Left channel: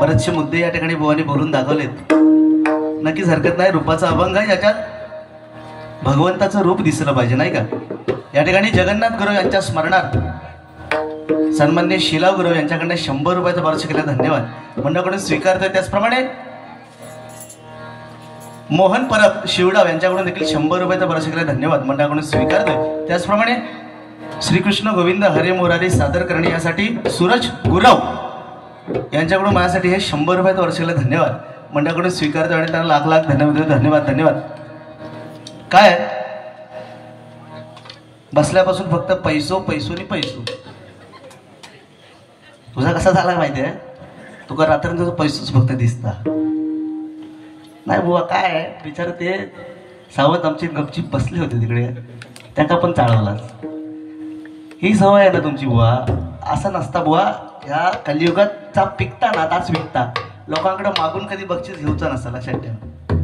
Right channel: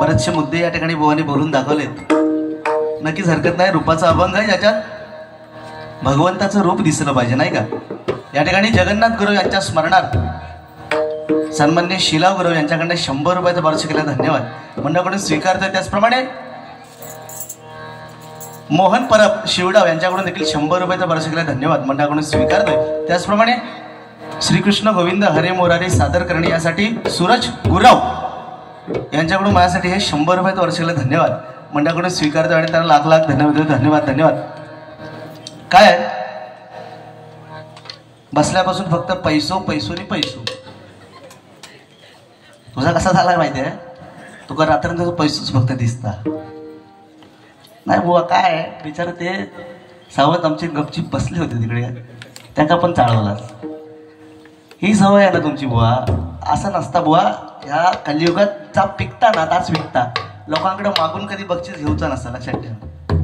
बरेचसे मुद्दे या ठिकाणी बुवांनी बोलून दाखवलेत. नक्कीच हरकत नाही. रूपाचा अभंग आहे ज्याच्यात भगवंताचं रूप दिसलं पाहिजे, नाही का. या ठिकाणी जगन्नाथ गुरु यांच्या स्मरणार्थ सन्मान्य शिला गुरु यांच्याकडे 100 रुपयाचं बरं केलं, धन्यवाद मंडळाकडून स्वीकारतोय. त्याचप्रमाणे मोहन परब शिवडाव यांच्याकडून देखील 100 रुपयाचं बरं केलं, धन्यवाद मंडळाकडून स्वीकारतोय. त्याचप्रमाणे श्रीकृष्ण गोविंद हरे मोरारी सादर करणे यासाठी सूरज गुरव यांच्याकडून माझ्यासाठी हे 100 रुपयाचं बरं केलं, धन्यवाद मंडळाकडून स्वीकारतोय. आणि त्यांना लाख लाख धन्यवाद धन्यवाद धन्यवाद. काय बसल्यापासून फक्त पैसो पैसो आणि पैसो. तुझा कसा झाला माहिती आहे, तुका रात्री तुझं पैसोच फक्त दिसता नाही बुवा. काय बिचार ते सावत आमची गपचीप बसली होते तिकडे, त्यांना पण चाळवलाच. ही सवय आहे ना तुमची बुवा. असं नसता बुवा. ह्या कलियुगात पिकता ना ताच विकता. लोकांकडे मागून कधी बक्षीस घेऊचा नसता, लक्षात ठेवा.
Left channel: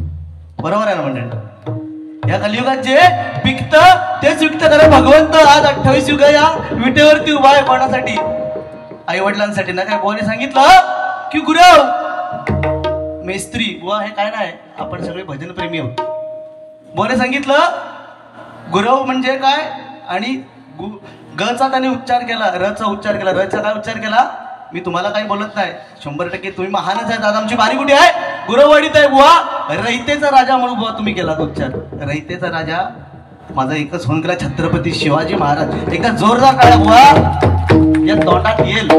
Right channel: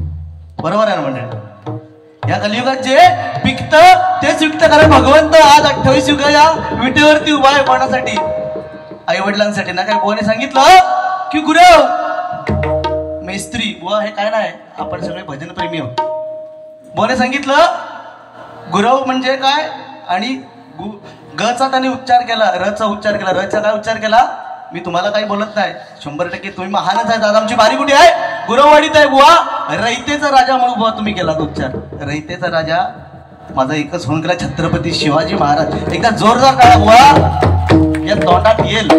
बरोबर आहे ना मंडळी. या कलियुगात जे पिकतं तेच विकतं. कारण भगवंत आज 28 युग या विटेवरती उभा आहे. कोणासाठी? आई वडिलांसाठी ना. काय बुवाने सांगितलं की गुरव मेस्त्री बुवा हे काय नाही, आपण सगळे भजन प्रेमी आहोत. बुवाने सांगितलं गुरव म्हणजे काय, आणि गचा त्याने उच्चार केला, रचा उच्चार केला. रचा काय उच्चार केला मी तुम्हाला काही बोलत नाही, 100% तुम्ही महानच आहे. दादा आमची बारी कुठे आहे? गुरववाडीत आहे बुवा. रयतेचा राजा म्हणून बुवा तुम्ही केला उच्चार. रयतेचा राजा माझा एकच होऊन गेला, छत्रपती शिवाजी महाराज. एका जोरदार टाळ्या बुवा. या तोंडात येईल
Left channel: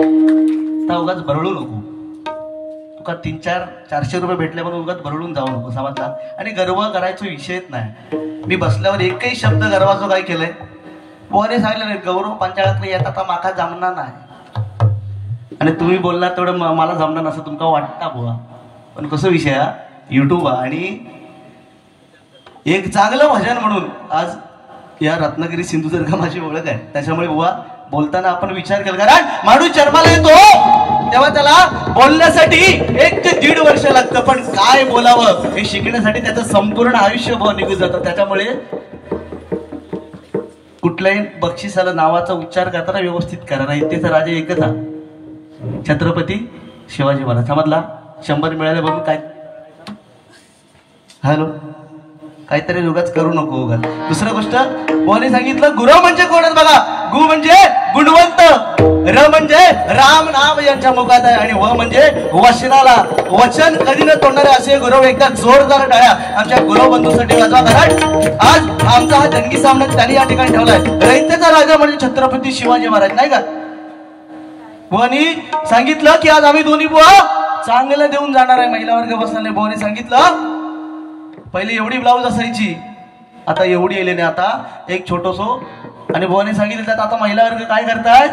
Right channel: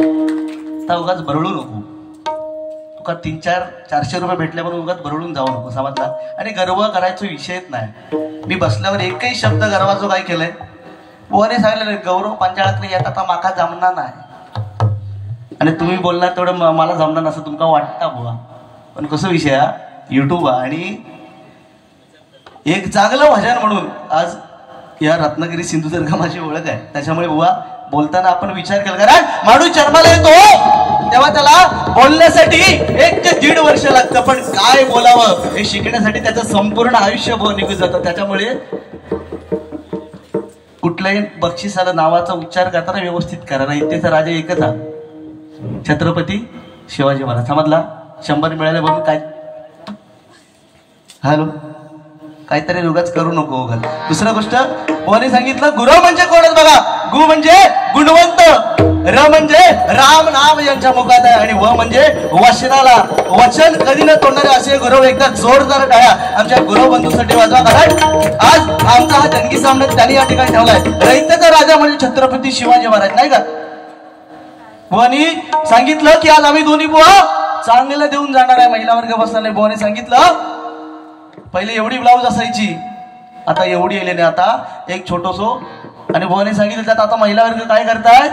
तर उगाच बरळू नको. तुका 300-400 रुपये भेटले म्हणून उगाच बरळून जाऊ नको, समजला. आणि गर्व करायचा विषयच नाही. मी बसल्यावर एकही शब्द गर्वाचं काय केलंय बुवाने सांगितलं, गौरव पंचाळातले येतात आता माका जमणार नाही. आणि तुम्ही बोलणार तेवढं मला जमणार नसं तुमका वाटता बुवा. पण कसं विषय हा युट्यूब आणि एक चांगलं भजन म्हणून आज या रत्नागिरी सिंधुदुर्ग माझी ओळख आहे. त्याच्यामुळे बुवा बोलताना आपण विचार केला, कारण माणूस जन्माला येतो तेव्हा त्याला बोलण्यासाठी 1-1.5 वर्ष लागतं. पण काय बोलावं हे शिकण्यासाठी त्याचं संपूर्ण आयुष्य बुवा निघून जातं. त्याच्यामुळे कुठल्याही बक्षिसाला नावाचा उच्चार करताना व्यवस्थित करा. रयतेचा राजा एकच हा, छत्रपती शिवाजी महाराज. समजला. 100 मिळाले म्हणून काय हॅलो काहीतरी उगाच करू नको उगाच. दुसरा गोष्ट कोणी सांगितलं गुरव म्हणजे कोणच बघा. गु म्हणजे गुणवंत, र म्हणजे राम नाम यांच्या मुखात आहे, आणि व म्हणजे वचनाला वचन कधी न तोडणारे असे गुरव. एकदा जोरदार टाळ्या आमच्या गुरव बंधूसाठी वाजवा. कारण आज आमचा हा जंगी सामना त्यांनी या ठिकाणी ठेवलाय. रयतेचा राजा म्हणजे छत्रपती शिवाजी महाराज, नाही का. बुवानी सांगितलं की आज आम्ही दोन्ही बुवा चांगले देऊन जाणार आहे. महिला वर्ग बसणारे बुवाने सांगितलं पहिले एवढी ब्लाऊज असायची, आता एवढी येले नाही, आता एक छोटोसो. आणि बुवाने सांगितलं त्यात आता महिला वर्ग काय करताय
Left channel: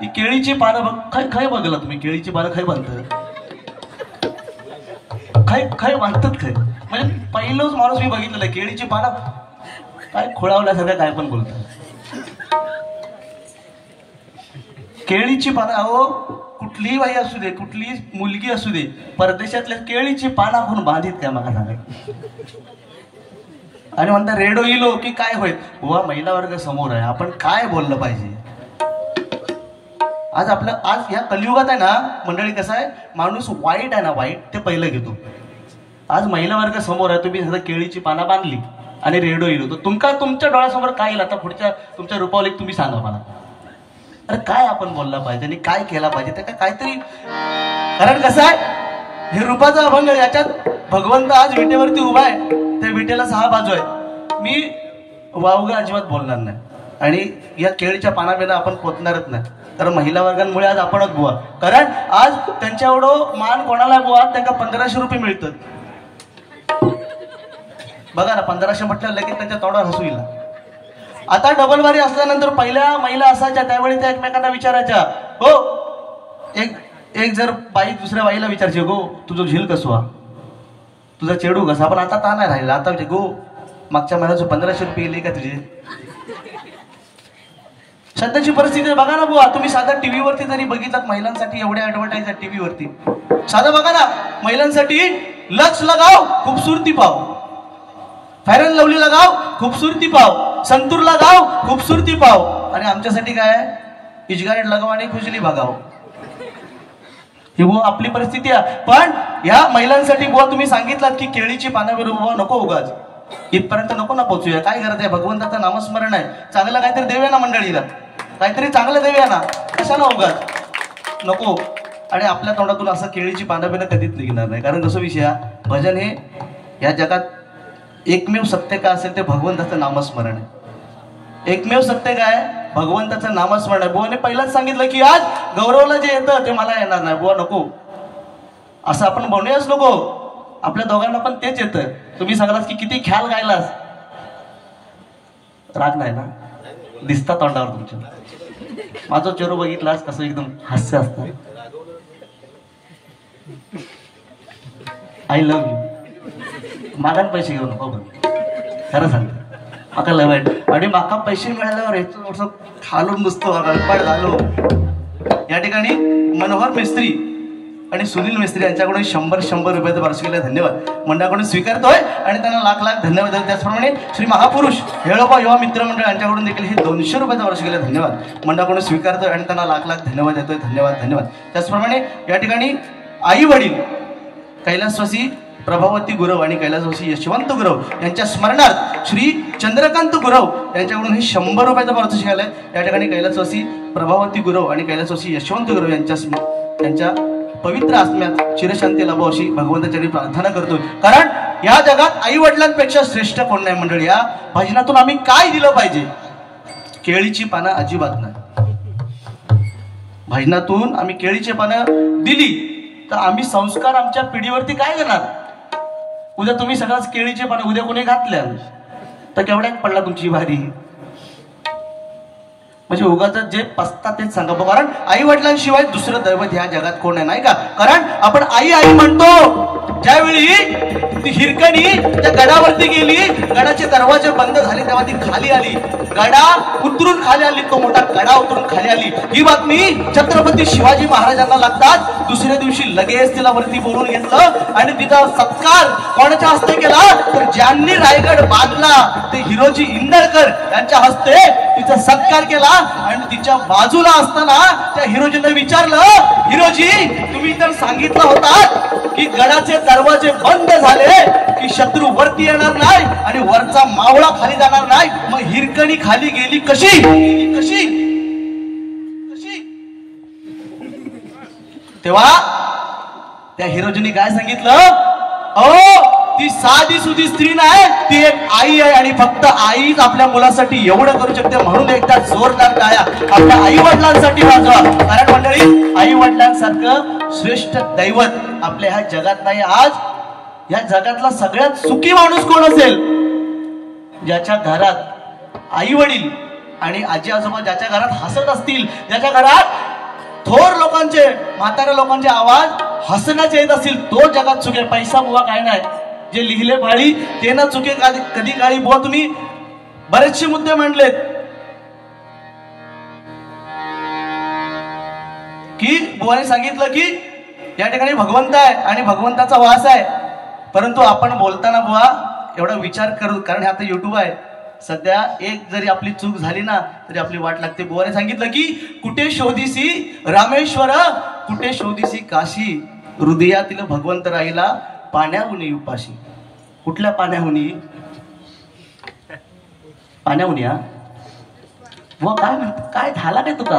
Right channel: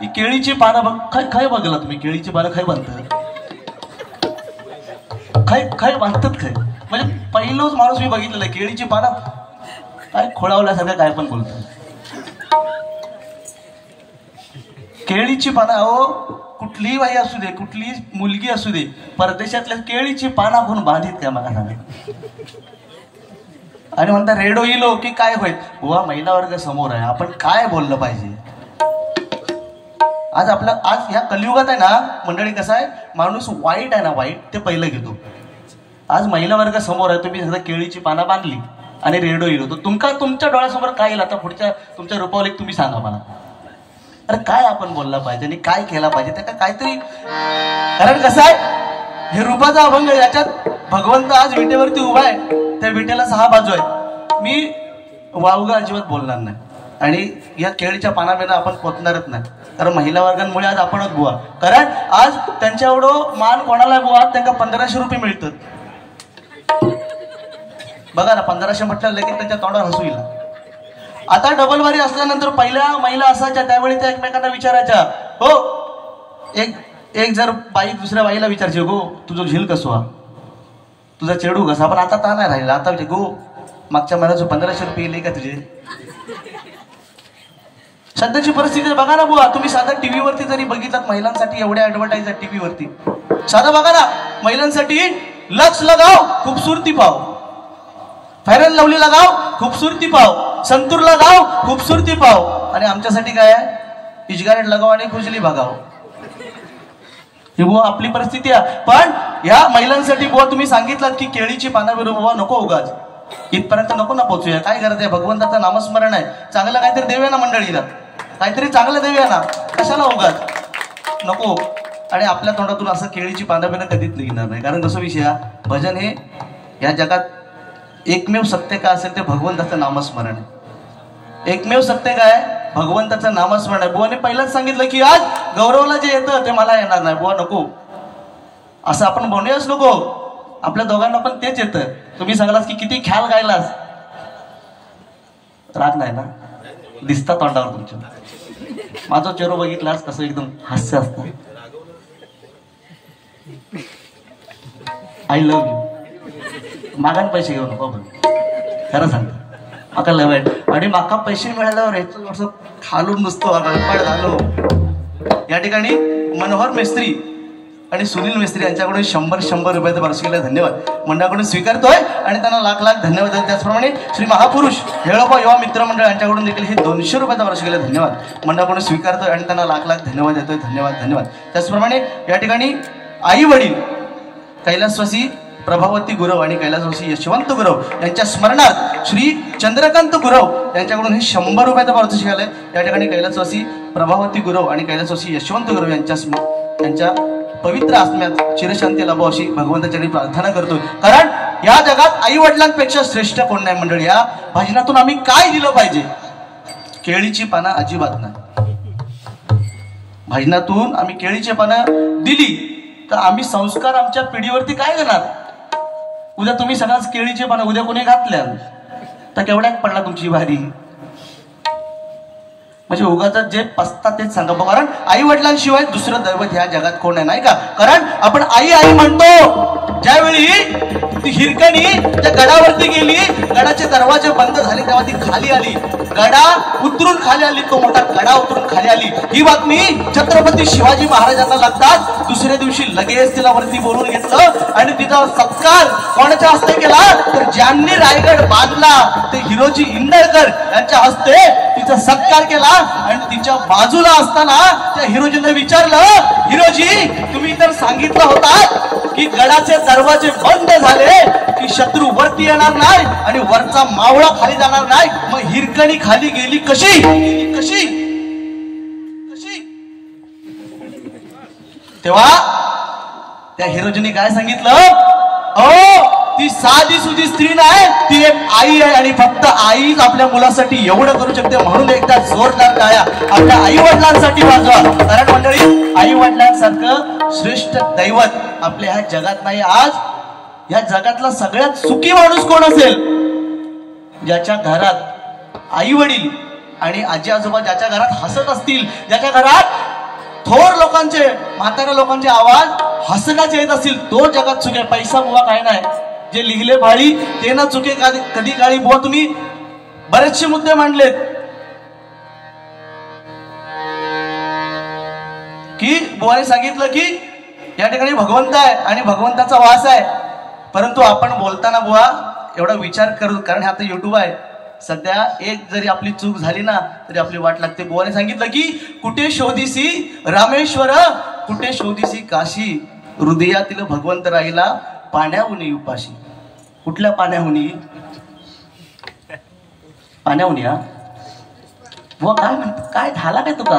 की केळीची पानं काय बघला तुम्ही, केळीची पानं काय बांधतात, काय बांधतात काय. म्हणजे पहिलोच माणूस मी बघितलेला आहे केळीची पानं काय खोळावल्यासारखं काय पण बोलतात. केळीची पानं, अहो कुठलीही बाई असू दे, कुठलीही मुलगी असू दे, परदेशातल्या केळीची पानं कोण बांधित काय मला सांगा. आणि म्हणता रेडो इलो की काय होईल बुवा. महिला वर्ग समोर आहे, आपण काय बोललं पाहिजे. आज या कलियुगात आहे ना मंडळी, कसं आहे माणूस वाईट आहे ना, वाईट ते पहिलं घेतो. आज महिला वर्ग समोर आहे, तुम्ही सगळं केळीची पानं बांधली आणि रेडो इलो, तर तुमच्या डोळ्यासमोर काय येईल आता पुढच्या तुमच्या रूपावलीत तुम्ही सांगा मला. अरे काय आपण बोलला पाहिजे आणि काय केला पाहिजे त्या काहीतरी. कारण कसं आहे हे रूपाचा अभंग, याच्यात भगवंत आज विटेवरती उभा आहे. त्या विटेला 6 बाजू आहे. मी वावगा अजिबात बोलणार नाही आणि या केळीच्या पानाबिना आपण पोचणारच नाही. कारण महिला वर्गांमुळे आज आपणच बुवा. कारण आज त्यांच्या एवढं मान कोणाला बुवा, त्यांना 1500 रुपये मिळतात. बघा ना, 1500 म्हटलं लगेच त्यांच्या तोंडावर हसू येईल. आता डबल बारी असल्यानंतर पहिल्या महिला असायच्या त्यावेळी त्या एकमेकांना विचारायच्या, हो एक जर बाई दुसऱ्या बाईला विचारची, गो तुझं झील कसवा, तुझा चेडू कसा. पण आता का नाही राहिला. आता गो मागच्या महिन्याचं 1500 रुपये येले का तुझे. सध्याची परिस्थिती बघा ना बुवा. तुम्ही साधा टीव्हीवरती जरी बघितलात महिलांसाठी एवढ्या ऍडव्हर्टाईज आहेत टीव्हीवरती, साधा बघा ना महिलांसाठी लक्स लगाव खूबसूरती पाव, फेअर अँड लवली लगाव खूबसूरती पाव, संतूर लगाव खूबसूरती पाव. आणि आमच्यासाठी काय आहे, इजगारेट लगाव आणि खुजली भागाव. ही बुवा आपली परिस्थिती आहे. पण या महिलांसाठी बुवा तुम्ही सांगितलं की केळीची पानं बरोबर बुवा नको उगाच, इथपर्यंत नको ना पोहोचूया. काय करत आहे, भगवंताचं नामस्मरण आहे, चांगलं काहीतरी देऊया ना मंडळीला, काहीतरी चांगलं देऊया ना, कशाला उगाच नको. आणि आपल्या तोंडातून असं केळीची पानं बिनं कधीच निघणार नाही. कारण कसं विषय, भजन हे या जगात एकमेव सत्य काय असेल ते भगवंताचं नामस्मरण आहे. एकमेव सत्य काय, भगवंताचं नामस्मरण आहे. बुवाने पहिलाच सांगितलं की आज गौरवला जे येतं ते मला येणार नाही. बुवा नको, असं आपण म्हणूयाच नको. आपल्या दोघांना पण तेच येतं. तुम्ही सांगलास की किती ख्याल गायलास, राग नाही ना, दिसता तोंडावर तुमच्या. माझं चेहरा बघितलास कसं एकदम हास्य असतं. I love you. मागान पैसे घेऊ नको, पण खरं सांगतो माका लव आहे. आणि माका पैसे मिळाल्यावर याचं खालून नुसतं झालो. या ठिकाणी मनोहर मेस्त्री आणि सुनील मेस्त्री यांच्याकडून 100 रुपयाचं वार्षिकीला धन्यवाद मंडळाकडून स्वीकारतोय आणि त्यांना लाख धन्यवाद. त्याचप्रमाणे श्री महापुरुष हेळोबा युवा मित्र मंडळ यांच्याकडून देखील हे 200 रुपयाचा वार्षिकीला धन्यवाद मंडळाकडून स्वीकारतोय आणि त्यांना लाख धन्यवाद देतोय. धन्यवाद. त्याचप्रमाणे या ठिकाणी आई वडील कैलासवासी प्रभावती गुरव आणि कैलासवासी यशवंत गुरव यांच्या स्मरणार्थ श्री चंद्रकांत गुरव यांच्याकडून हे 100 रुपयाचा वार्षिक आलाय. या ठिकाणी कैलासवासी प्रभावती गुरव आणि कैलासवासी यशवंत गुरव यांच्या पवित्र आत्म्यात चिरशांती लाभो अशी भगवंताच्या प्रार्थना करतो. कारण या जगात आई वडिलांपेक्षा श्रेष्ठ कोण नाही. मंडळी, या भजनातून आम्ही काय दिलं पाहिजे? केळीची पानं अजिबात नाही. भजनातून आम्ही केळीची पानं दिली तर आम्ही संस्कार आमच्या पिढीवरती काय देणार? उद्या तुम्ही सगळ्याच केळीचे पानं उद्या कोणी घातल्या तर केवढ्यात पडला तुमची भारी. म्हणजे उगाच जे पसतात तेच सांगा. कारण आई वडिलांशिवाय दुसरं दैवत ह्या जगात कोण आहे, नाही का? कारण आपण आई आई म्हणतो. ज्यावेळी ती हिरकणी त्या गडावरती गेली, गडाचे दरवाजे बंद झाले, तेव्हा ती खाली आली. गडा उतरून खाली आली, तो मोठा गडा उतरून खाली आली. ही बातमी छत्रपती शिवाजी महाराजांना लागतात. दुसऱ्या दिवशी लगेच तिला वरती बोलून घेतलं आणि तिचा सत्कार कोणाच्या हस्ते केला तर ज्यांनी रायगड बांधला ते हिरोजी इंदळकर यांच्या हस्ते तिचा सत्कार केला. आणि तिच्या बाजूला असताना त्या हिरोजीने विचारलं, हिरोजी तुम्ही तर सांगितलं होता की गडाचे दरवाजे बंद झाले की शत्रू वरती येणार नाही आणि वरचा मावळा खाली जाणार नाही, मग हिरकणी खाली गेली कशी? तेव्हा त्या हिरोजीने काय सांगितलं, अहो ती साधी सुधी स्त्री नाही, ती एक आई आहे आणि फक्त आईच आपल्या मुलासाठी एवढं करू शकते. म्हणून एकदा जोरदार टाळ्या आपल्या आई वडिलांसाठी वाजवा. कारण मंडळी, आई वडिलांसारखं श्रेष्ठ दैवत आपल्या ह्या जगात नाही. आज या जगातला सगळ्यात सुखी माणूस कोण असेल? ज्याच्या घरात आई वडील आणि आजी आजोबा ज्याच्या घरात हसत असतील, ज्याच्या घरात थोर लोकांचे म्हाताऱ्या लोकांचे आवाज हसण्याचे येत असतील, तो जगात सुखे. पैसा बुवा काय नाही, जे लिहिले भाळी ते ना चुके कधी काळी. बुवा तुम्ही बरेचसे मुद्दे मांडलेत की बुवाने सांगितलं की या ठिकाणी भगवंत आहे आणि भगवंताचा वास आहे. परंतु आपण बोलताना बुवा एवढा विचार करू, कारण आता युट्यूब आहे. सध्या एक जरी आपली चूक झाली ना तरी आपली वाट लागते. बुवाने सांगितलं की कुठे शोधीसी रामेश्वर, कुठे शोधीसी काशी, हृदयातील भगवंत राहिला पाण्याहुनी उपाशी. कुठल्या पाण्याहुनी? पाण्याहुनी. हा बुवा काय म्हणत, काय झाला काय तुका?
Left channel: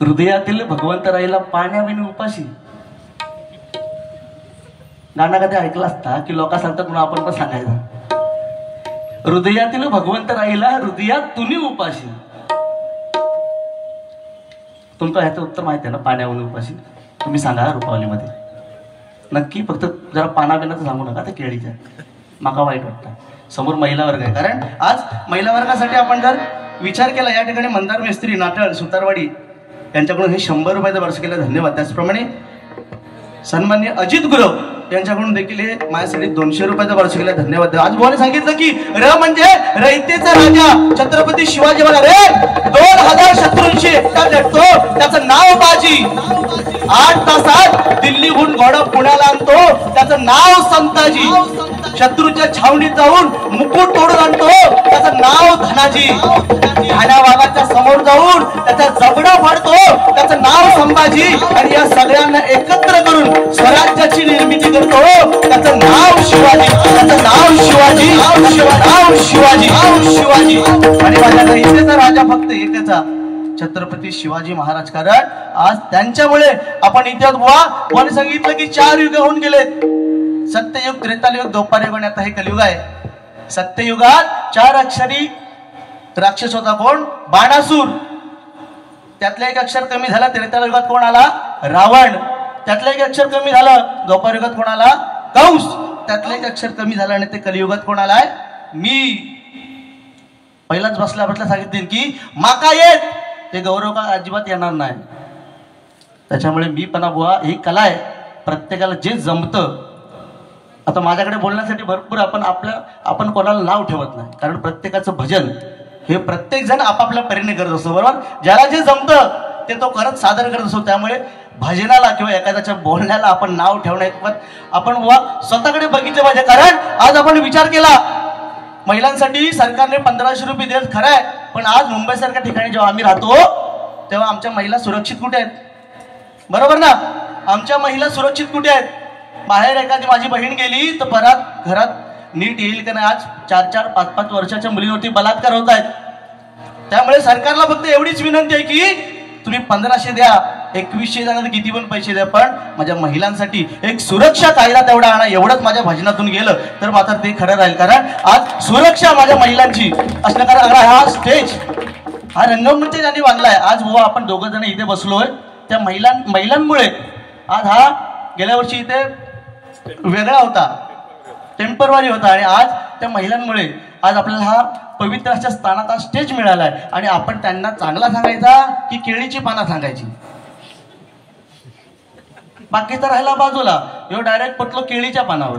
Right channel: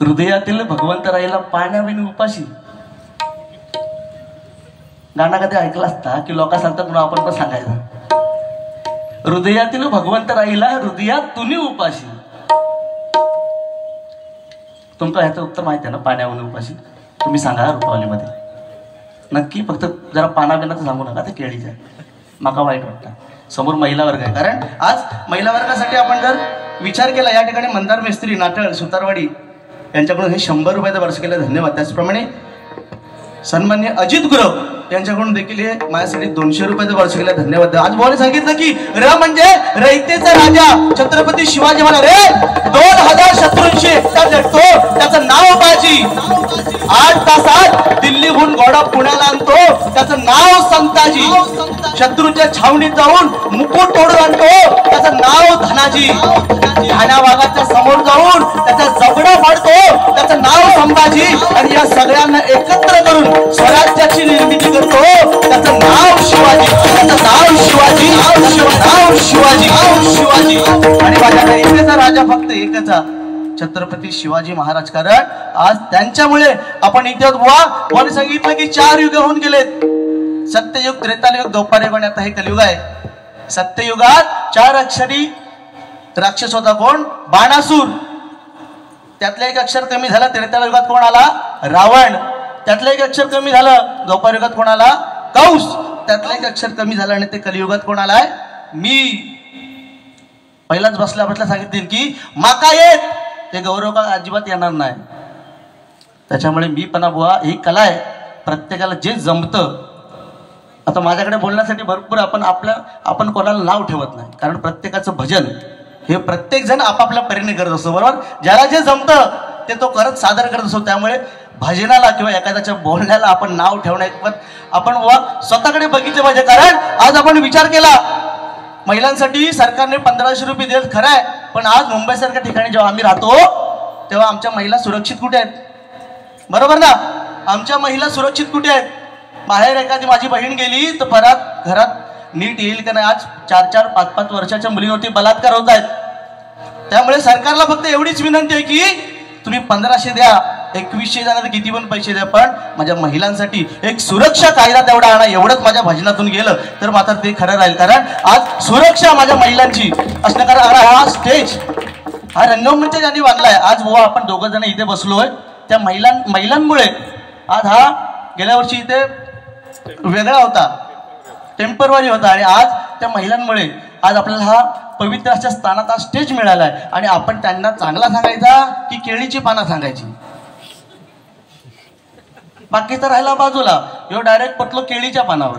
हृदयातील भगवंत राहिला पाण्याहुनी उपाशी. गाणं कधी ऐकला असता की लोक सांगतात म्हणून आपण पण सांगायचं, हृदयातील भगवंत राहिला हृदयात तुम्ही उपाशी. तुमचं ह्याचं उत्तर माहिती आहे ना, पाण्याहुनी उपाशी? तुम्ही सांगा रुपावलीमध्ये नक्की. फक्त जरा पानाबिनाचं सांगू नका ते केळीच्या, माका वाईट वाटतं. समोर महिला वर्ग आहे. कारण आज महिला वर्गासाठी आपण जर विचार केला, या ठिकाणी मंदार मेस्त्री नाटळ सुतारवाडी यांच्याकडून हे 100 रुपयाचा वार्षिकीला धन्यवाद. त्याचप्रमाणे सन्मान्य अजित गुरव यांच्याकडून देखील हे माझ्यासाठी 200 रुपयाचा वार्षिकीला धन्यवाद. आज बोलायला सांगितलं की र म्हणजे रयतेचा राजा छत्रपती शिवाजी महाराज रे 2000 शत्रूंशी एकटा लढतो, त्याचं नाव बाजी. 8 तासात दिल्लीहून घोडा पुण्याला आणतो, त्याचं त्याचं नाव संताजी. शत्रूच्या छावणीत जाऊन मुकुट तोडून आणतो त्याचं नाव धनाजी. ठाण्या वाघाच्या समोर जाऊन त्याचा जबडा फाडतो त्याचं नाव संभाजी. आणि या सगळ्यांना एकत्र करून स्वराज्याची निर्मिती करतो त्याचं नाव शिवाजी. त्याचं नाव शिवाजी. नाव शिवाजी. शिवाजी. आणि माझ्या इथेचा राजा फक्त इथेचा छत्रपती शिवाजी महाराज. कारण आज त्यांच्यामुळे आपण इतिहास बुवा कोणी सांगितलं की 4 युग होऊन गेलेत. सत्ययुग, त्रेतायुग, द्वापारयुग आणि आता हे कलियुग आहे. सत्ययुगात 4 अक्षरी राक्षस होता. कोण? बाणासूर. त्यातलं एक अक्षर कमी झालं. त्रेतायुगात कोण आला? रावण. त्यातलं एक अक्षर कमी झालं. द्वापारयुगात कोण आला? कंस. त्यातलं एक अक्षर कमी झालं आणि ते कलियुगात कोण आलाय? मी. पहिलाच बसल्या सांगितले की माका येत ते गौरव का अजिबात येणार नाही. त्याच्यामुळे मी पण बुवा ही कला आहे. प्रत्येकाला जे जमतं. आता माझ्याकडे बोलण्यासाठी भरपूर आपण कोणाला नाव ठेवत नाही. कारण प्रत्येकाचं भजन हे प्रत्येक जण आपापल्या परीने करत असतो. बरोबर. ज्याला जे जमतं ते तो करत सादर करत असतो. त्यामुळे भजनाला किंवा एखाद्याच्या बोलण्याला आपण नाव ठेवण्यात आपण बुवा स्वतःकडे बघितलं पाहिजे. कारण आज आपण विचार केला महिलांसाठी सरकारने 1500 रुपये देत खरं आहे. पण आज मुंबईसारख्या ठिकाणी जेव्हा आम्ही राहतो तेव्हा आमच्या महिला सुरक्षित कुठे आहेत? बरोबर ना. आमच्या महिला सुरक्षित कुठे आहेत? बाहेर एखादी माझी बहीण गेली तर परत घरात नीट येईल का नाही? आज 4-4, 5-5 वर्षाच्या मुलीवरती बलात्कार होत आहेत. त्यामुळे सरकारला फक्त एवढीच विनंती आहे की तुम्ही 1500 द्या, 2100 द्या, किती पण पैसे द्या, पण माझ्या महिलांसाठी एक सुरक्षा कायदा तेवढा आणा. एवढंच माझ्या भजनातून गेलं तर मात्र ते खरं राहील. कारण आज सुरक्षा माझ्या महिलांची असल्या कारण हा स्टेज, हा रंगमंच ज्यांनी बांधलाय. आज बुवा आपण 2 जण इथे बसलोय त्या महिलांमुळे. आज हा गेल्या वर्षी इथे वेगळा होता, टेम्परवारी होता, आणि आज त्या महिलांमुळे आज आपल्याला हा पवित्र अशा स्थानात हा स्टेज मिळालाय. आणि आपण त्यांना चांगला सांगायचा की केळीची पानं सांगायची? बाकी तर राहिला बाजूला. एवढं डायरेक्ट पटलो केळीच्या पानावर.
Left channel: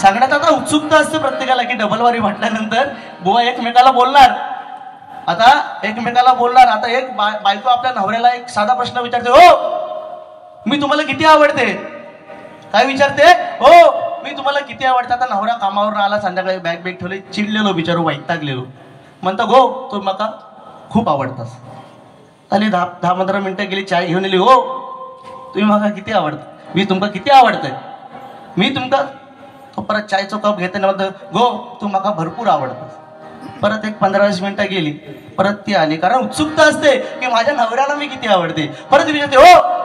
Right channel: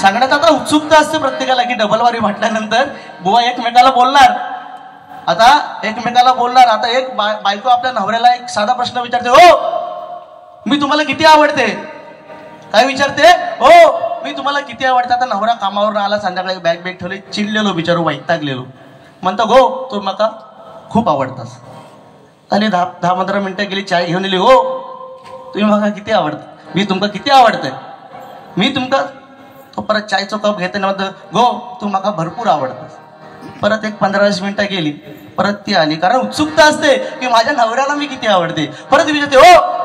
सांगण्यात आता उत्सुकता असते प्रत्येकाला की डबलवारी म्हटल्यानंतर बुवा एकमेकाला बोलणार. आता एकमेकाला बोलणार. आता एक बायको आपल्या नवऱ्याला एक साधा प्रश्न विचारते, हो मी तुम्हाला किती आवडते? काय विचारते? हो मी तुम्हाला किती आवडते? आता नवरा कामावर आला, संध्याकाळी बॅग ठेवले, चिडलेलो बिचारू, वैतागलेलो. म्हणतो गो तू मका खूप आवडतास. आणि 10-15 मिनिटं गेली, चाय घेऊन आली. हो तुम्ही मला किती आवडत? मी तुमका किती आवडतंय? मी तुमका. तो परत चायचा कप घेते ना, म्हणतो गो तू मका भरपूर आवडतास. परत एक 15-20 मिनिटं गेली, परत ती आली. कारण उत्सुकता असते की माझ्या नवऱ्याला मी किती आवडते. परत विचारते, हो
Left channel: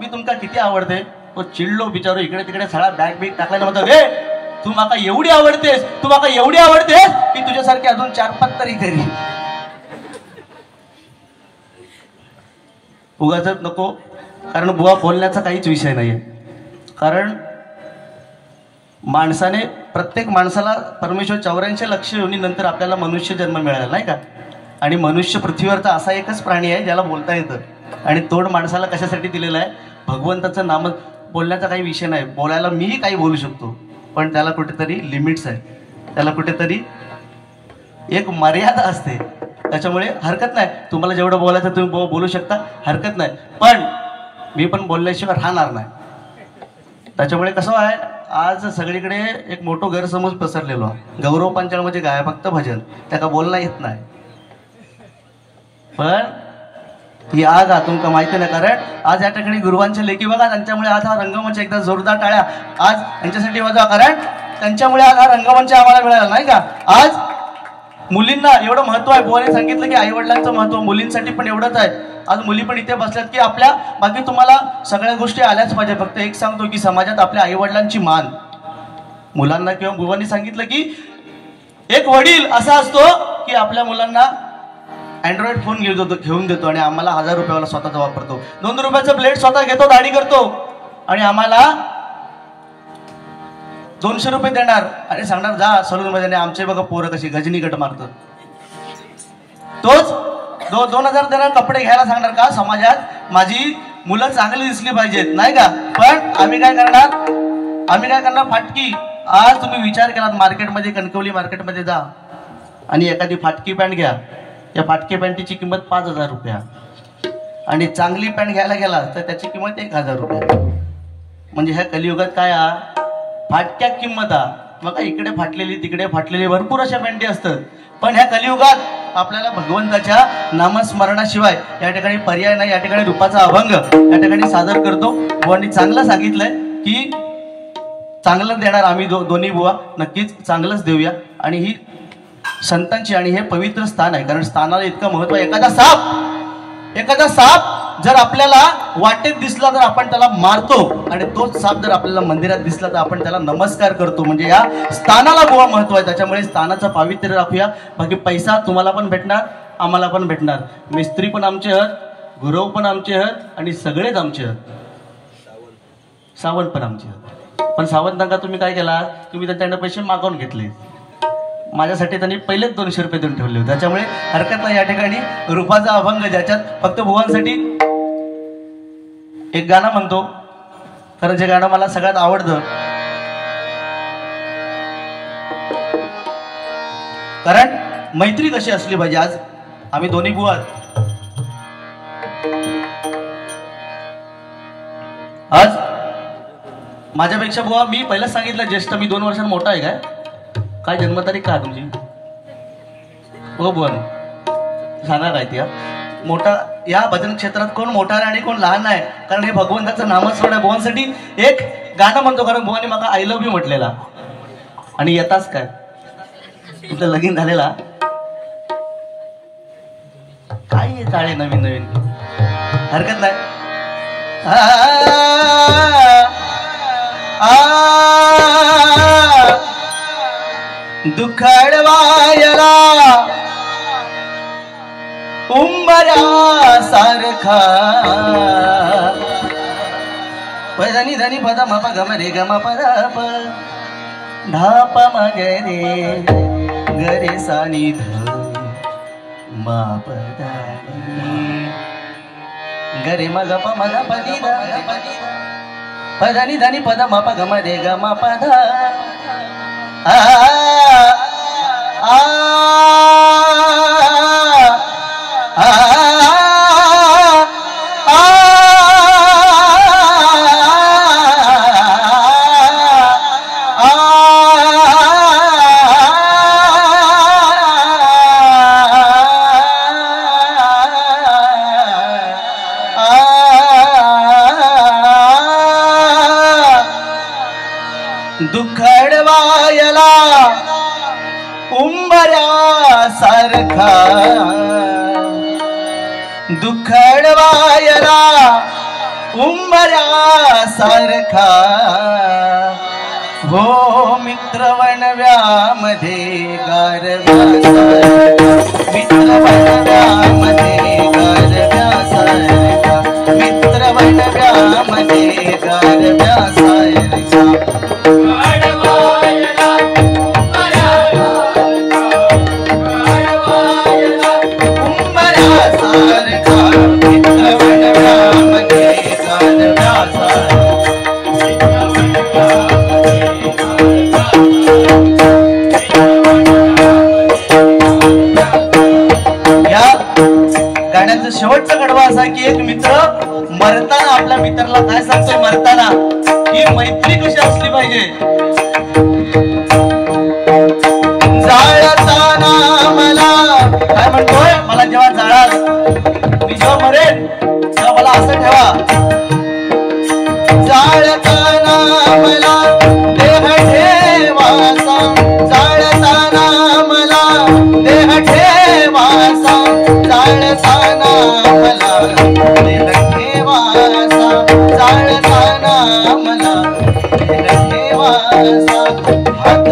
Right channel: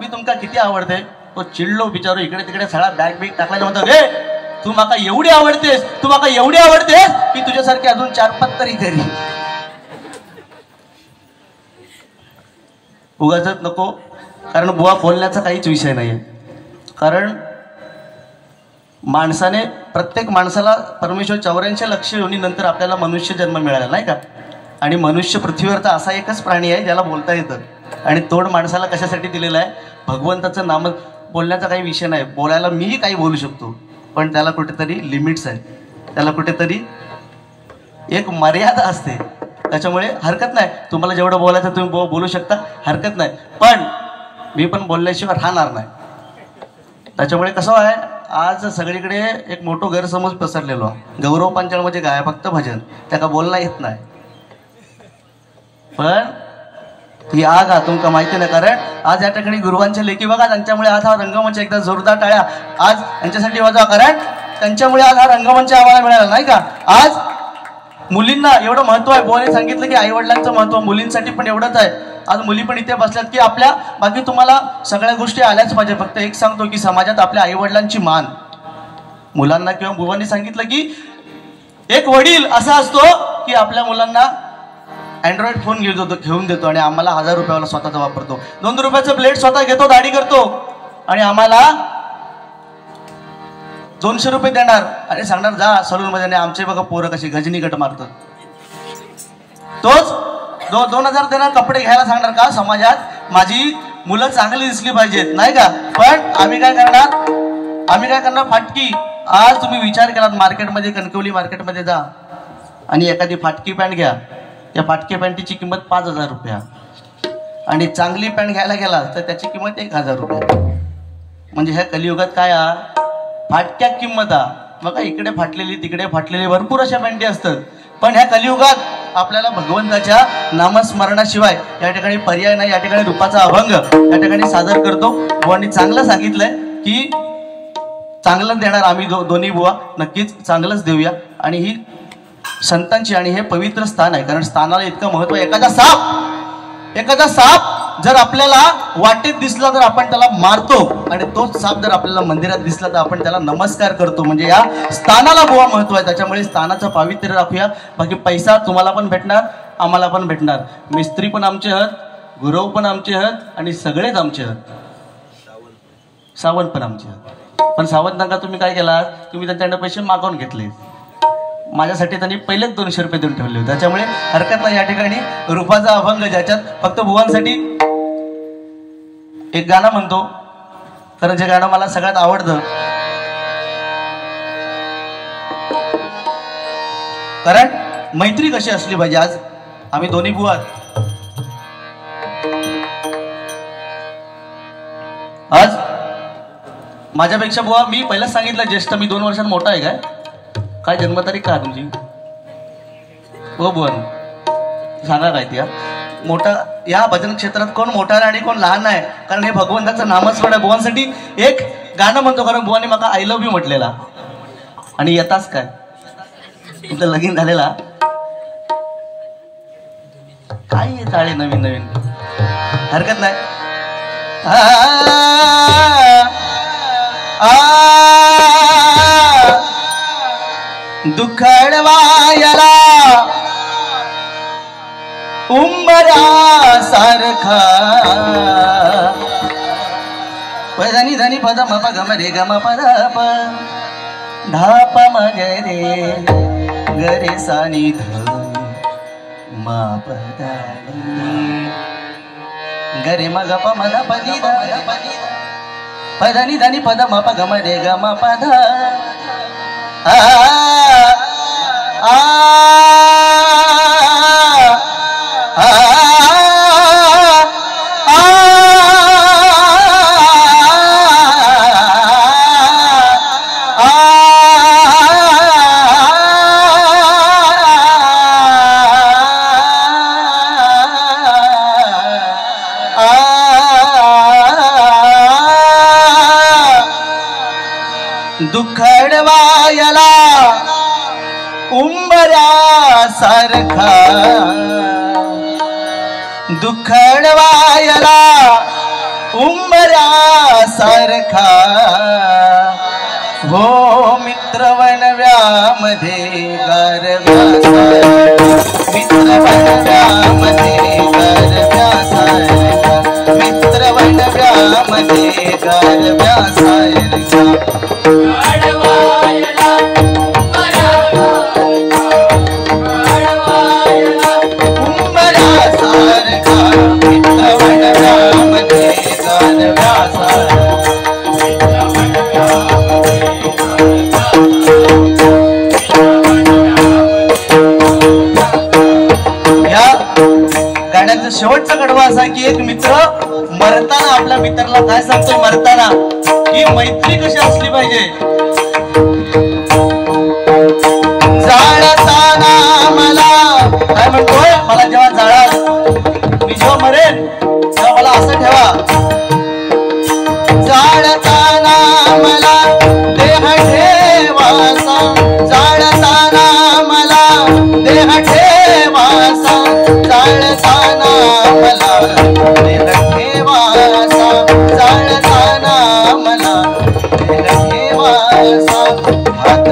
मी तुमका किती आवडते? तो चिडलो बिचारो, इकडे तिकडे सगळा बॅग टाकला. म्हणतो गे तू माका एवढी आवडतेस, तू माका एवढी आवडतेस की तुझ्यासारखी अजून 4-5 तरी घरी. उगाचच नको. कारण बुवा बोलण्याचा काहीच विषय नाहीये. कारण माणसाने, प्रत्येक माणसाला परमेश्वर 84 लक्ष योनीनंतर आपल्याला मनुष्य जन्म मिळाला नाही का? आणि मनुष्य पृथ्वीवरचा असा एकच प्राणी आहे ज्याला बोलता येतं. आणि तोड माणसाला कशासाठी दिलेलं आहे? भगवंताचं नाम. बोलण्याचा काही विषय नाही. बोलायला मीही काही बोलू शकतो, पण त्याला कुठेतरी लिमिट्स आहेत. त्याला कुठेतरी एक मर्यादा असते. त्याच्यामुळे हरकत नाही. तुम्हाला जेवढं बोलायचं तुम्ही बोलू शकता, हरकत नाही. पण मी पण बोलल्याशिवाय राहणार नाही. त्याच्यामुळे कसं आहे, आज सगळीकडे एक मोठं गैरसमज पसरलेलो. गौरव पंचाळ म्हणजे काय? फक्त भजन. त्याला बोलता येत नाही. पण ही आग हा तुमका माहिती नाही. कारण आज या ठिकाणी गुरुवांच्या लेखी बघा, त्यांच्यामुळे आज हा रंगमंच एकदा जोरदार टाळ्या आज यांच्यासाठी वाजवा. कारण त्यांच्यामुळे आज हा रंगमंच आम्हाला मिळाला नाही का? आज मुलींना एवढं महत्व आहे. बोलाने सांगितलं की आई वडिलांचं महत्व मुलींसाठी पण एवढंच आहे. आज मुली पण इथे बसल्यात की आपल्या, बाकी तुम्हाला सगळ्या गोष्टी आल्याच पाहिजे. फक्त एक सांगतो की समाजात आपल्या आई वडिलांची मान. मुलांना किंवा बुवांनी सांगितलं की एक वडील असा असतो की आपल्या मुलांना अँड्रॉइड फोन घेऊन देतो आणि आम्हाला 1000 रुपयाला स्वतःचा वापरतो. 2 रुपयाचं ब्लेड स्वतः घेतो, दाढी करतो आणि आम्हाला 200 रुपये देणार आणि सांगणार जा सलून मध्ये. आमचे बघा पोरं कशी गजनी गट मारतात. तोच 2000 देणार कपडे घ्यायला सांगणार का? समाजात माझी मुलं चांगली दिसली पाहिजेत नाही का? पण आम्ही काय करणार? फाटकी. आज तुम्ही विचार केलात मार्केटमध्ये, कणकवली मार्केटमध्ये जा आणि एखादी फाटकी पॅन्ट घ्या. या फाटकी पॅन्टीची किंमत 5000 रुपया. आणि चांगली पॅन्ट घ्यायला गेला तर त्याची किंमत 1000 रुपये. म्हणजे ह्या कलियुगात काय फाटक्या किंमत मग इकडे फाटलेली तिकडे फाटलेली भरपूर अशा पॅन्टी असतात. पण ह्या कलियुगात आपल्याला भगवंताच्या नामस्मरणाशिवाय या ठिकाणी पर्याय नाही. या ठिकाणी रूपाचा अभंग या ठिकाणी सादर करतो. बुवांनी चांगलं सांगितलंय की चांगलं देणार आम्ही दोन्ही बुवा, नक्कीच चांगलंच देऊया. आणि ही संतांची आणि हे पवित्र स्थान आहे, कारण स्थानाला इतकं महत्व. एखादा साप जर आपल्याला वाटेत दिसला तर आपण त्याला मारतो, आणि तोच साप जर आपल्याला मंदिरात दिसला तर आपण त्याला नमस्कार करतो. म्हणजे या स्थानाला बुवा महत्व आहे. त्याच्यामुळे स्थानाचं पावित्र्य राखूया. बाकी पैसा तुम्हाला पण भेटणार, आम्हाला पण भेटणार. मिस्त्री पण आमचे आहेत, गुरव पण आमचे आहेत, आणि सगळेच आमचे आहेत. सावंत पण आमचे आहेत. पण सावंतांना तुम्ही काय केला, तुम्ही त्यांच्याकडे पैसे मागवून घेतले. माझ्यासाठी त्यांनी पहिलेच 200 रुपये देऊन ठेवले होते. त्याच्यामुळे हरकत नाही. या ठिकाणी रूपाचा अभंग ज्याच्यात फक्त भुवांसाठी एक गाणं म्हणतो, तर जे गाणं मला सगळ्यात आवडतं, कारण मैत्री कशी असली पाहिजे. आज आम्ही दोन्ही बुवा, आज माझ्यापेक्षा बुवा मी पहिलाच सांगितलं ज्येष्ठ, मी 2 वर्षांत मोठा आहे. काय जन्मतारीख काय तुमची हो बुवा, सांगा काय ती. मोठा या भजन क्षेत्रात कोण मोठा आहे आणि कोण लहान आहे, कारण हे भगवंताचं नामस्मरण आहे. बुवांसाठी एक गाणं म्हणतो, कारण बुवाने मला आय लव्ह यू म्हटलेला. आणि येताच काय तुमचं लगीन झालेला काय चाळे नवीन नवीन, हरकत नाही. दुखडवायला उंबरा सारखा पदनी धनी पद मप गम रे गम पद प धाप मगरे गरे सानी ध मा पद गरे मग प मद पदी ध पदनी धनी पद मप गम रे गम पद आ आ दुखडवायला उंबरा सारखा दुखडवायला उंबरा सारखा हो मित्र वनव्यामध्ये गारव्या मित्र वनव्यामध्ये गारव्या सारखा मित्र वनव्यामध्ये गारव्या सारखा शेवटचा कडवा असा की एक मित्र मरताना आपल्या मित्राला काय सांगतोय, मरताना की मैत्री कशी असली पाहिजे. जाळताना मला काय म्हणतोय, मला जेव्हा जाळाल मी जेव्हा मरेन तेव्हा मला असं ठेवा, जाळताना मला देह ठेवासा, जाळताना मला देह ठेवासा, जाळताना मला देह ठेवासा, जाळताना मला देह ठेवासा. हात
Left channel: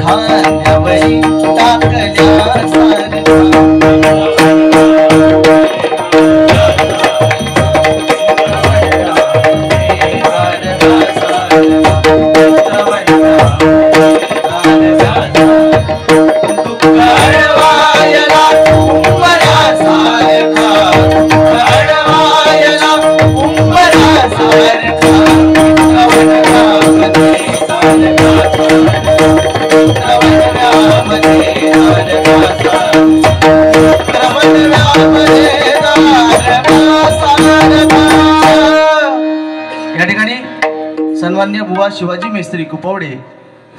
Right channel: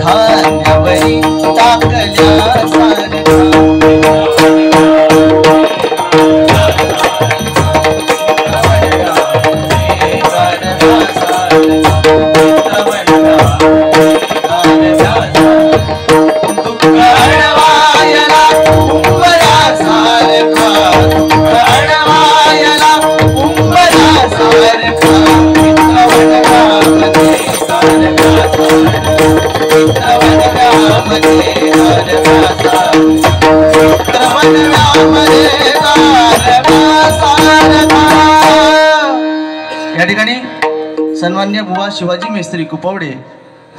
खाण्यावरी टाकल्यासारखा दुखडवायला उंबरा या ठिकाणी सन्माननीय बुवा शिवाजी मेस्त्री कुपवडे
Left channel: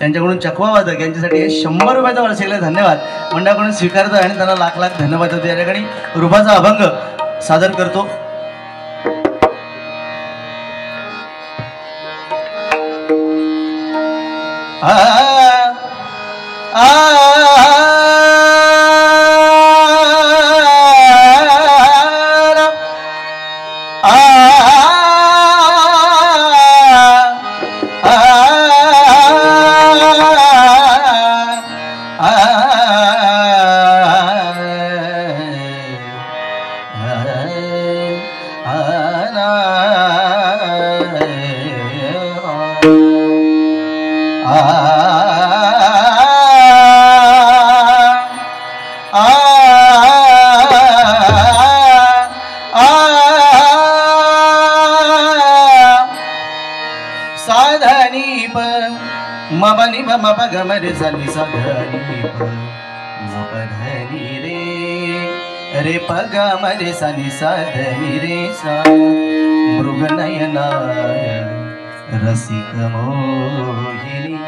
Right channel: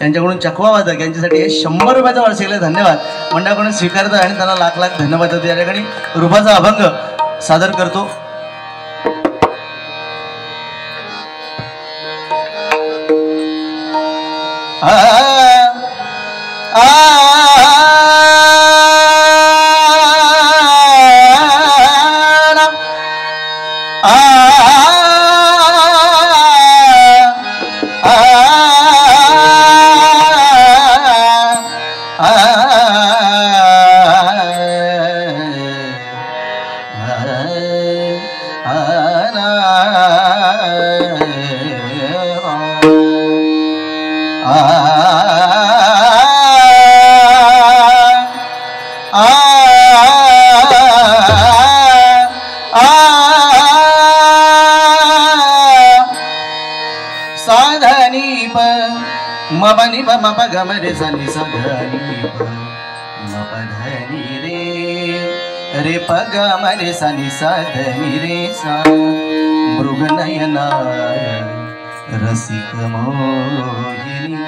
यांच्याकडून चकवा वादक यांच्यासाठी 100 रुपयाचा वार्षिकला धन्यवाद मंडळाकडून स्वीकारतो आणि त्यांना लाख लाख धन्यवाद देतो। या ठिकाणी रूपाचा अभंग सादर करतो। साधनी प मबनी प मप गमरे सनी साधनी प मपधनी रे रे प गमरे सनी साधनी रे सा मृगनयना रसिक मोहिनी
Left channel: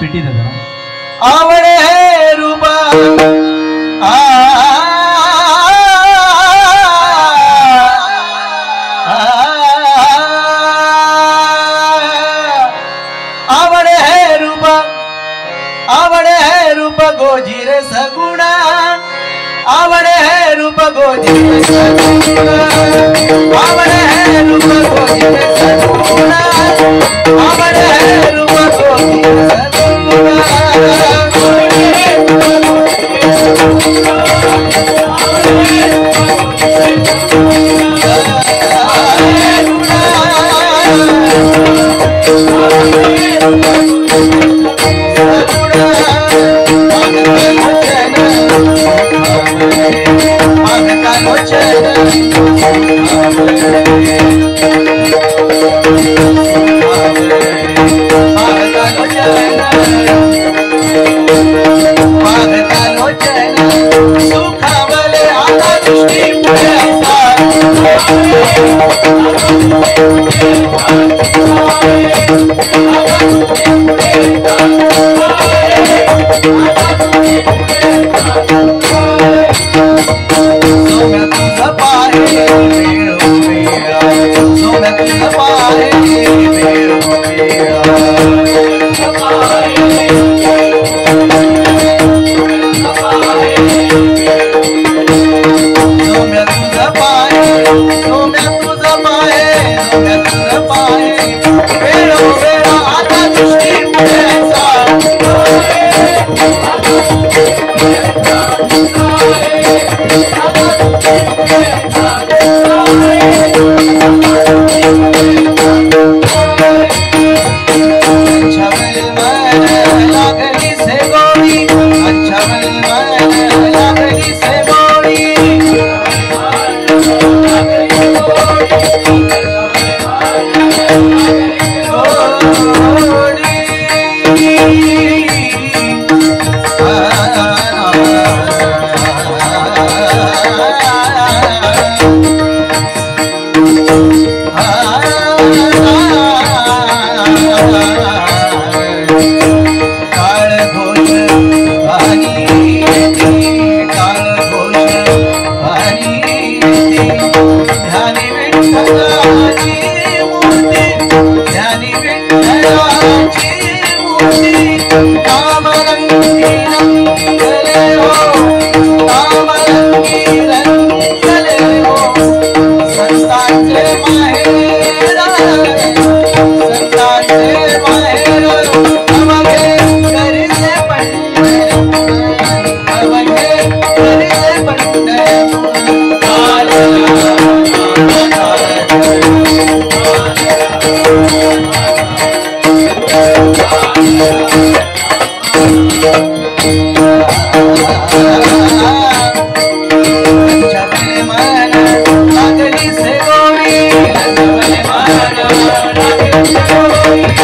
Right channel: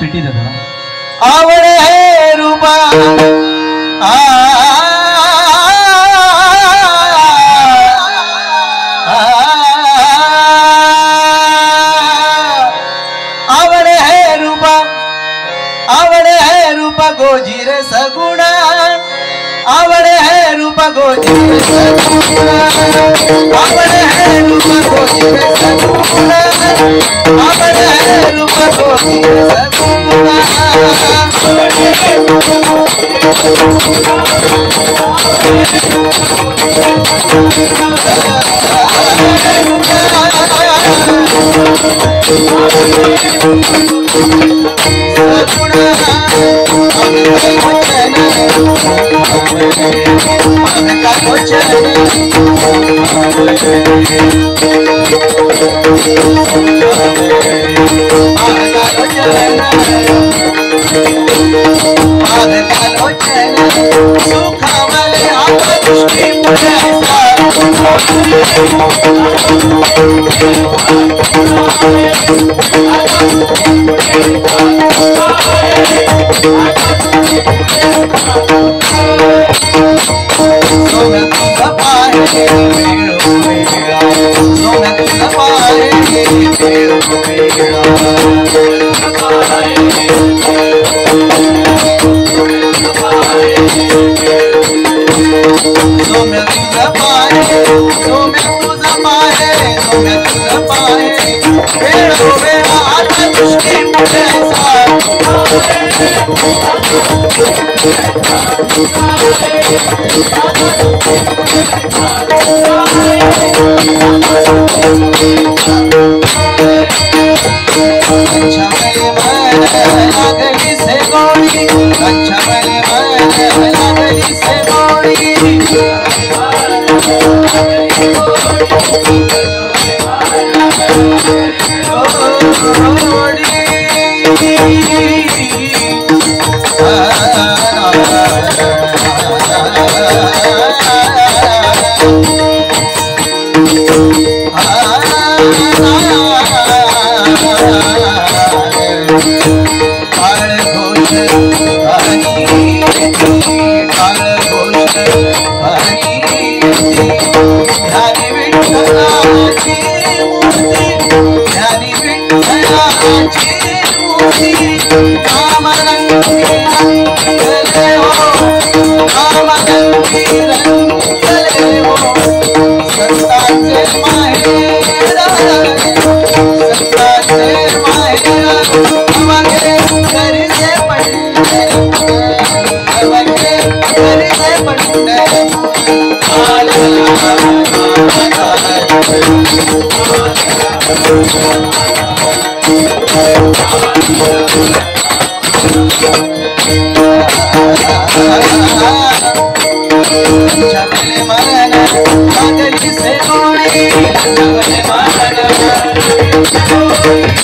पिटी दादा आवडे है रूपा आवडे है रूपा गोजीर सगुणा आवडे है रूपा गोजीर सगुणा आवडे है रूपा गोजीर सगुणा आवडे है रूपा गोजीर सगुणा से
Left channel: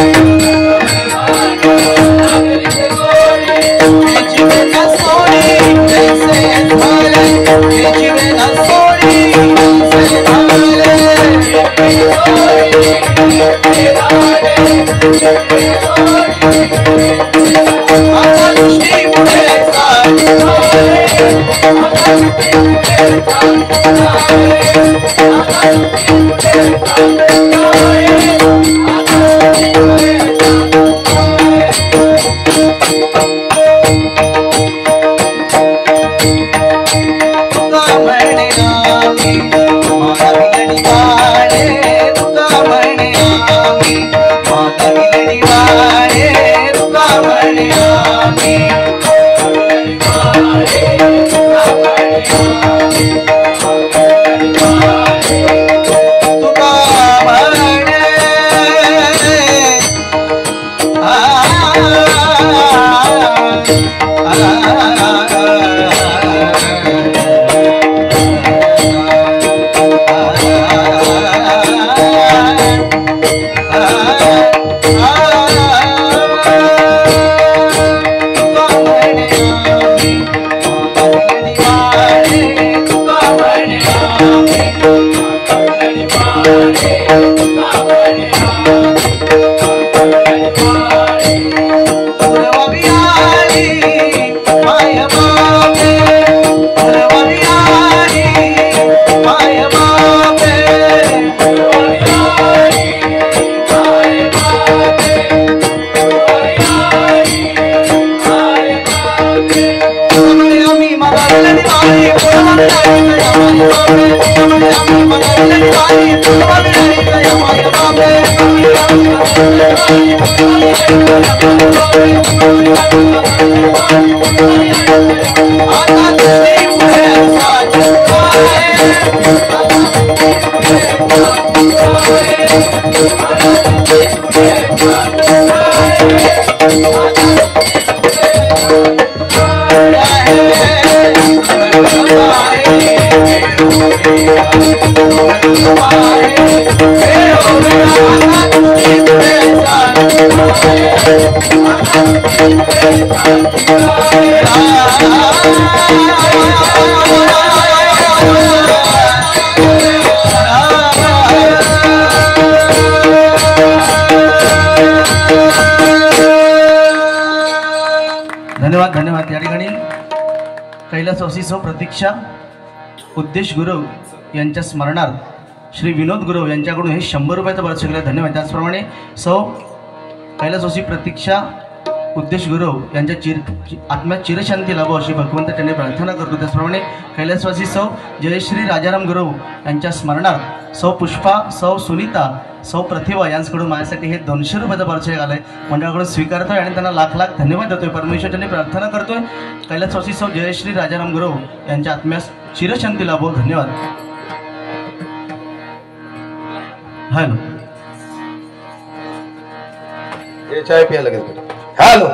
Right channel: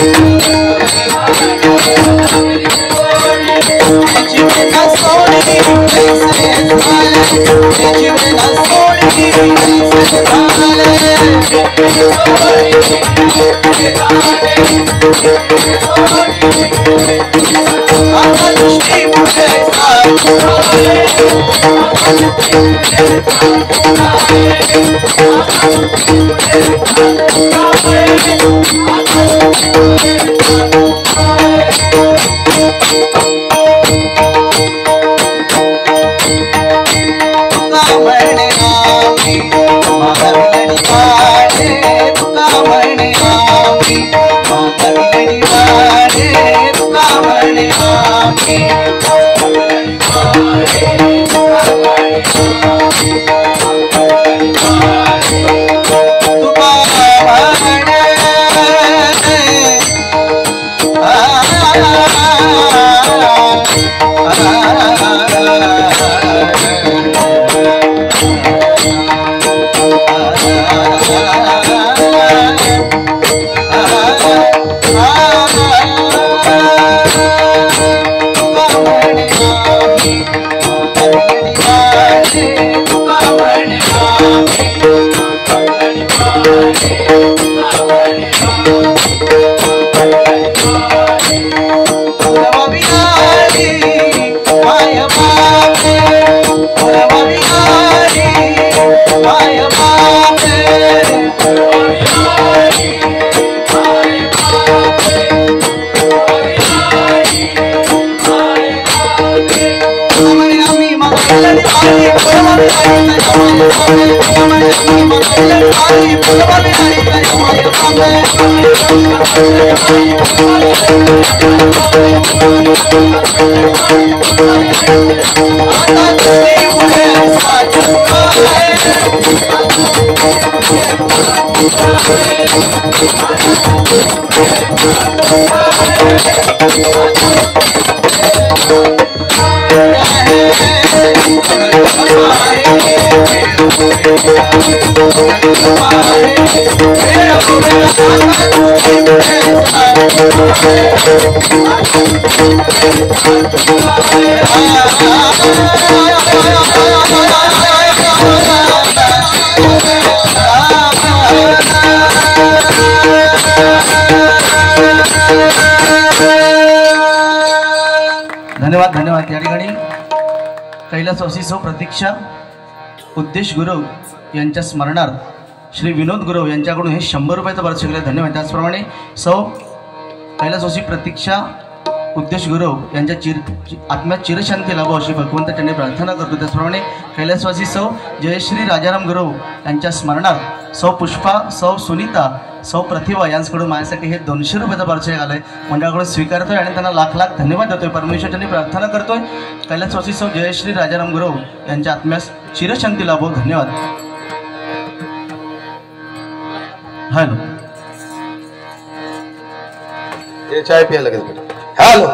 धन्यवाद धन्यवाद। या ठिकाणी कैलासवासी सौ प्रतीक्षा उद्देश गुरव यांच्या स्मरणार्थ श्री विनोद गुरव यांच्याकडून हे 100 रुपयाचं बरं शिकले, धन्यवाद। त्याचप्रमाणे सौ कैलासवासी प्रतीक्षा उद्देश गुरव यांच्या आत्म्यात चिरशांती लाभो अशी भगवंत त्यांनी प्रार्थना करतो। त्याचप्रमाणे कैलासवासी सौ जयश्री राजाराम गुरव यांच्या स्मरणार्थ सौ पुष्पा, सौ सुनीता, सौ प्रतिभा यांच्याकडून माझ्यासाठी हे 200 रुपयाचं पारितोषिक आलंय, मंडळाकडून स्वीकारतोय आणि त्यांना लाख लाख धन्यवाद देतोय। परमेश्वर त्यांनी प्रार्थना करतोय कैलासवासी सौ जयश्री राजाराम गुरव यांच्या आत्म्यास चिरशांती लाभो, धन्यवाद। हॅलो, चाय प्यायला लागेल। हॅलो